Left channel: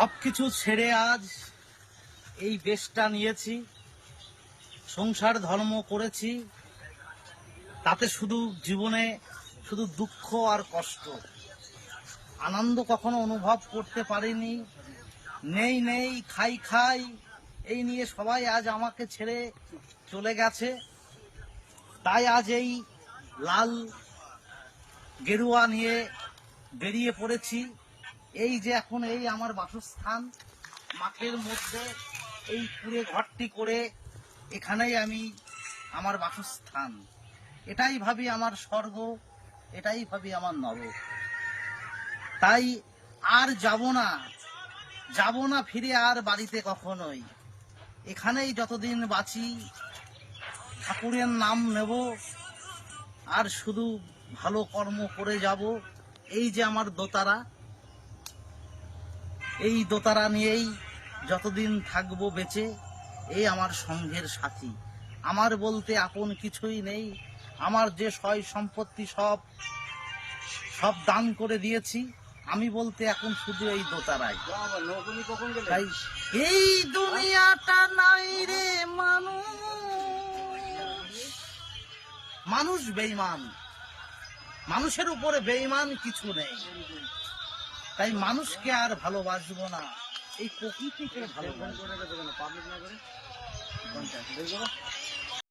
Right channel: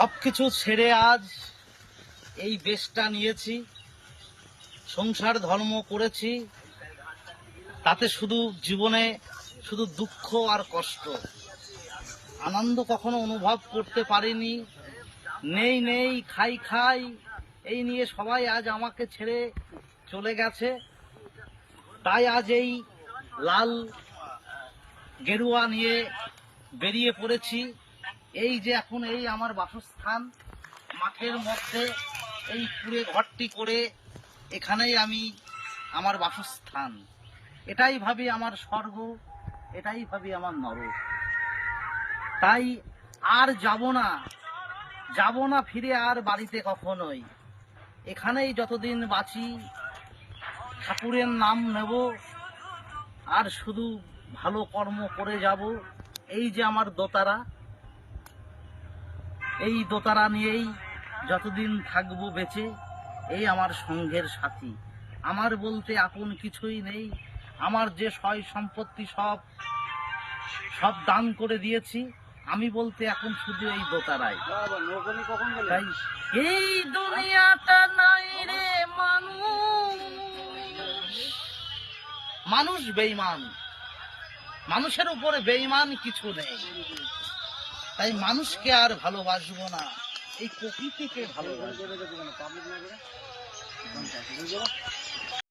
সবকিছু ছেড়ে আজ এই দেশটা নিয়েছি, সংসার ধর্ম করেছি, তাতে শুধু জীবনে শুধু দুঃখ আর কষ্ট। আনন্দ কখনো অনুভব করতে পারিনি। নেই নেই, খাই খাই, এই নিয়ে সবাই আজ আমাকে ছেড়ে চলে গেছে। তাই আজ এই লাল গেরুয়া নিয়ে বেরিয়ে পড়েছি। এই যে এখন এই আমার বাসস্থান, মাঠের মধ্যে এই কুড়ে ঘরটি করে এখানেই আমি আমার বাসস্থান। এটাই ভাবি আমার স্বর্গ, এটাই ভাবি আমার নরক। তাই আর যাব না যাব না ফিরে আর বাড়িতে কখনোই। এখানেই যতদিন বাঁচি, ঠাকুরের নাম নেব, আর শুধু ভালো কর্ম করে যাব, এই যে আমার দোতারা। এই দোতারা নিয়েই যতদিন থাকব বেঁচে এই আমার সঙ্গের সাথী। আমার বলতে আপন কিছুই নেই। আমার যে সয় সম্পত্তি সব সব দান করে দিয়েছি আমি বলতে এখন শুধু এই দোতারাই। তাই এই দুনিয়াটা নাই রে মানুষ। মানুষ বেইমান মানুষের উপরে বেইমান কিছু নেই। তাই মানুষকে আর ভালোবাসবো না। এই প্রকৃতিকে ভালোবাসবো।